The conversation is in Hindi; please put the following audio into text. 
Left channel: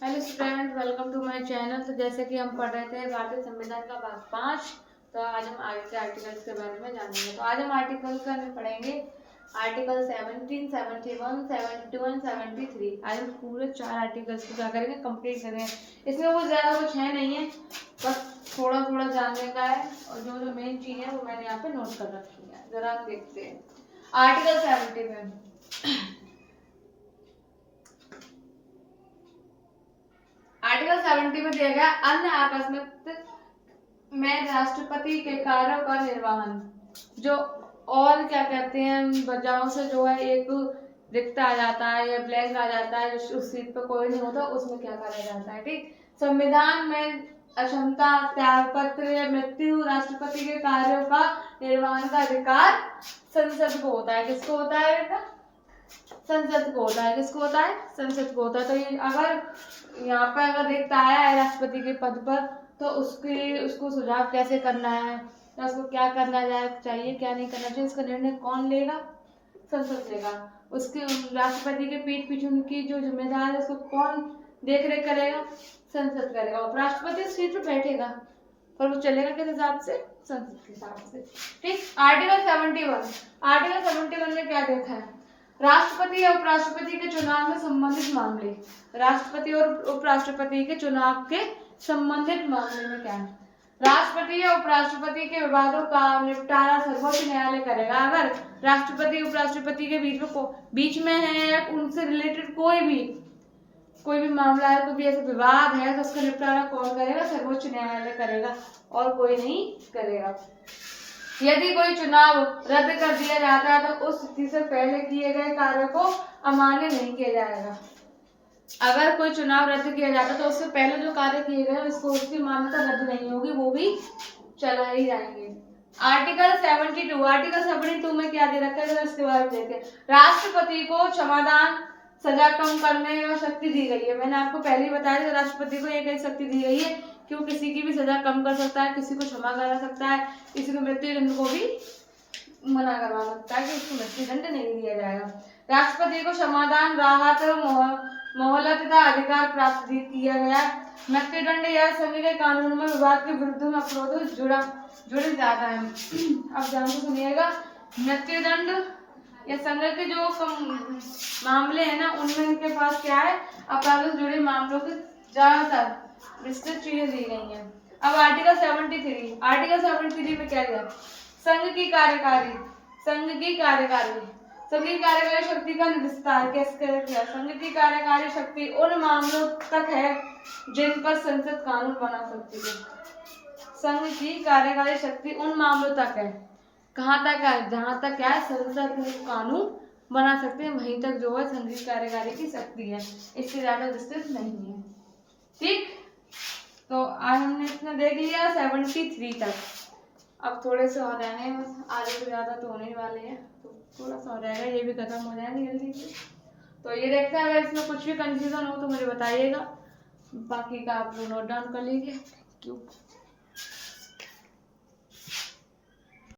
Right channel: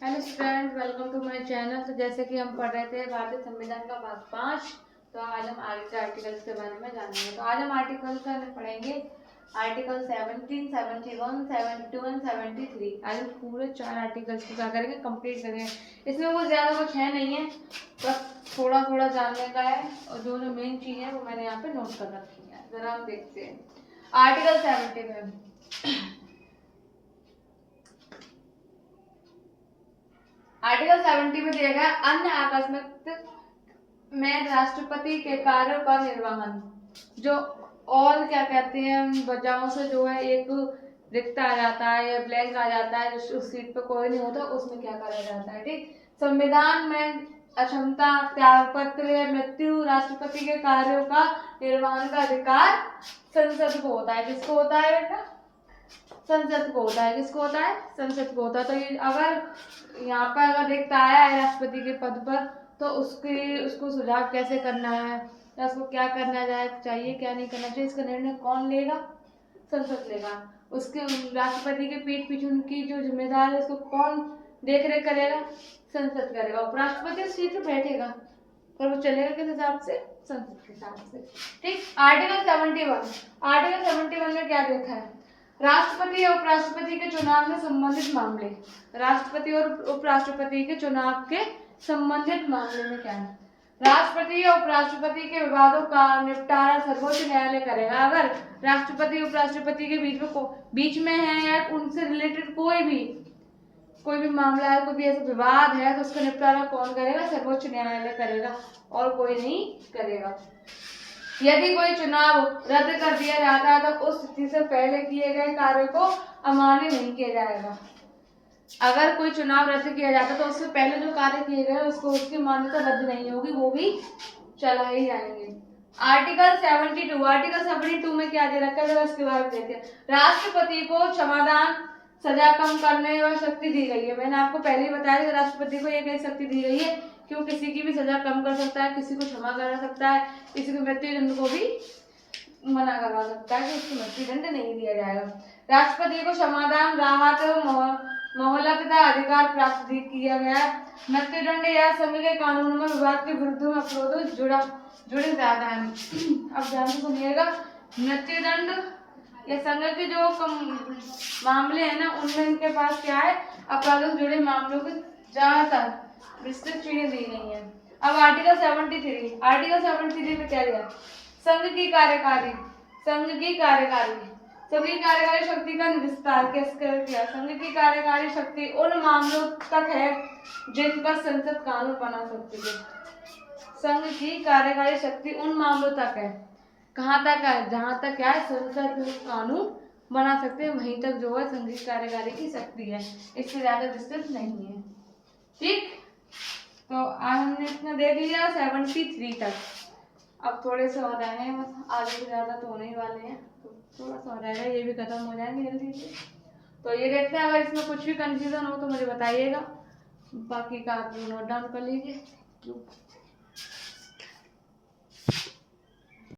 Hello student, welcome to my channel. तो जैसे कि हम पढ़ रहे थे भारतीय संविधान का भाग 5, तो आज हम आगे के आर्टिकल्स के बारे में जानेंगे। तो आज हम आर्टिकल्स का पढ़ेंगे आर्टिकल 17, 71, 72 एंड 73। आज हम पूरे 4 आर्टिकल्स को क्या करेंगे, कंप्लीट करेंगे। इसमें वो ज़्यादा कुछ है नहीं है, बस थोड़ा थोड़ा जानने का है, और जो जो मेन चीज़ है वो मैंने यहाँ पे नोट कर रखी है। ज़रा हम देखते हैं आर्टिकल 70 में। आर्टिकल 70 में दिया गया अन्य आकस्मिक में राष्ट्रपति के कार्यों का निर्वहन। जो और क्या कहते हैं, वजहों से जो है एक रिक्त आ जाता है या ब्लैंक आ जाता है, जो उस सीट पर कोई नहीं होता, उसमें क्या करा जाता है। ठीक, संविधान में अक्षमता, त्यागपत्र या मृत्यु, राष्ट्रपति के कार्यों का निर्वहन का अधिकार संसद को होता है। किसको होता है बेटा? संसद को होता है। किसको होता है? संसद को होता है। तो ये अगर यहाँ पर अगर रिक्त आया है राष्ट्रपति के पद पर, तो उसको सुझाव कैसे करना है या उसको क्या करना चाहिए, क्या नहीं करना चाहिए, इसका निर्णय कौन लेगा? संसद लेगा। उसके राष्ट्रपति के पीठ पीछे उनकी जो जिम्मेदार है उसको कौन देख रेख करेगा? संसद करेगा। उपराष्ट्रपति सीट पर बैठेगा, पर वो चलेगा किस हिसाब से? संसद के हिसाब से। ठीक, आर्टिकल 71 में क्या देखा है? राष्ट्रपति या उपराष्ट्रपति के चुनाव में संबंधित मामले। राष्ट्रपति और उपराष्ट्रपति के चुनाव के संबंधित मामले में क्या है? राष्ट्रपति या उपराष्ट्रपति के विवादों का निपटारा सर्वोच्च न्यायालय करेगा। अगर राष्ट्रपति उपराष्ट्रपति के बीच में है या उनसे रिलेटेड कोई भी मामला है, कोई भी ऐसा विवाद है, तो उसका निपटारा कौन करेगा? सर्वोच्च न्यायालय करेगा, और कोई नहीं करेगा। यदि कोई चुनाव रद्द कर दिया जाता है तो उस स्थिति से पहले किए गए कार्यों को अमान्य नहीं किया जाएगा। अगर कोई चुनाव रद्द किया जाता है तो उससे पहले जो कार्य किए गए उसको उसकी मान्यता रद्द नहीं होगी, वो भी चला ही जाएंगे। आर्टिकल 72 में क्या दे रखा है, इसके बारे में देखते हैं। राष्ट्रपति को क्षमादान, सजा कम करने की शक्ति दी गई है। मैंने आपको पहले ही बताया कि राष्ट्रपति को ये शक्ति दी गई है कि वो किसी की भी सजा कम कर सकता है, किसी को क्षमा करा सकता है, किसी को मृत्युदंड को भी मना करवा सकता है कि उसको मृत्युदंड नहीं दिया जाएगा। राष्ट्रपति को क्षमादान, राहत, मोहलत का अधिकार प्राप्त किया गया। मृत्युदंड या संघ के कानून में विवाद के विरुद्ध में अपराध जुड़े जाता है। अब ध्यान से सुनिएगा, मृत्युदंड या संघ के जो मामले हैं ना, उनमें इनके पास क्या है, अपराधों से जुड़े मामलों की ज्यादातर विस्तृत चीजें दी गई हैं। अब आर्टिकल 73 में क्या दिया? संघ की कार्यकारी शक्ति का विस्तार कैसे किया? संघ की कार्यकारी शक्ति उन मामलों तक है जिन पर संसद कानून बना सकती है। संघ की कार्यकारी शक्ति उन मामलों तक है, कहाँ तक है? जहां तक क्या है, संसद कानून बना सकते हैं, वहीं तक जो है संघ की कार्यकारी की शक्ति है, इससे ज्यादा विस्तृत नहीं है। ठीक, तो आज हमने इतना देख लिया 73 तक। अब थोड़े से हो रहे हैं, बस आगे से ज्यादा तो होने वाले हैं, तो थोड़ा सा हो जाएगा, ये भी खत्म हो जाएंगे जल्दी से। तो ये देखते हैं, अगर इसमें कुछ भी कंफ्यूजन हो तो मुझे बताइएगा, बाकी का आप नोट डाउन कर लीजिए। Thank you.